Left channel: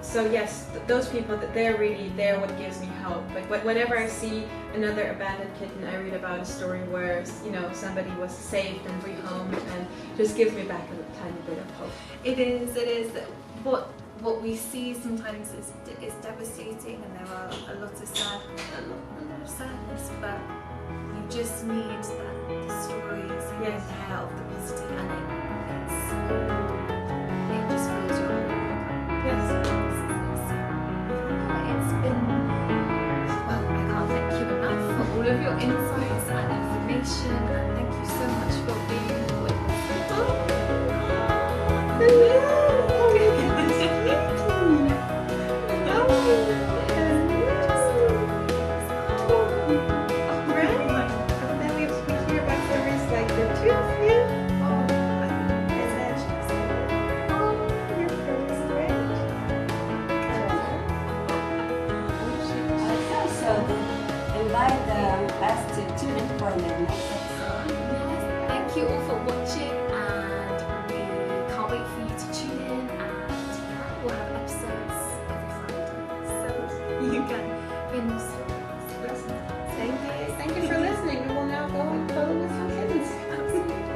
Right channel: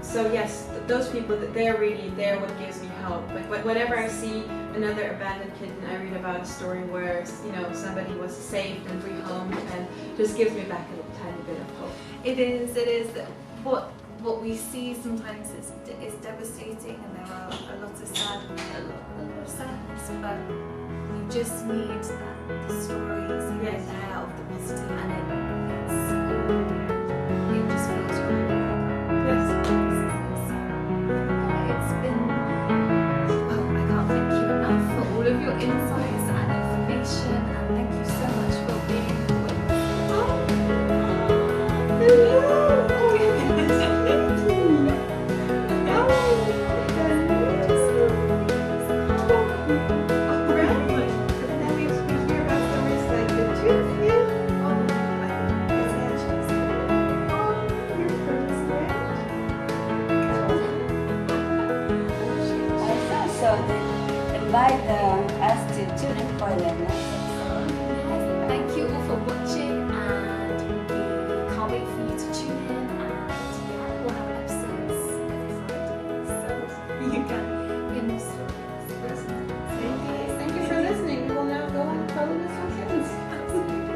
So yes, those people, they're really what gives me hope. Like whenever I see another abandoned kitten, I read about a story where somebody was saved and rehomed, and just gives me back a tiny bit of hope. It is. What we see sometimes is devastating, and there are a lot of sadness, but you just need the stories here and there of the positive, and it just fills your heart back up. Yes. It's been, well, I can't thank you enough for all of your insights and information, and thank you so much for being with us. And then we hear about stories like the two of you. So then invite us to tune in for the next episode. Yes, thank you all for watching, and we can't wait for you to tune in, and we'll have episodes every Friday, so you can hear more stories. Thank you for listening. We will now go and follow with some kittens. Absolutely.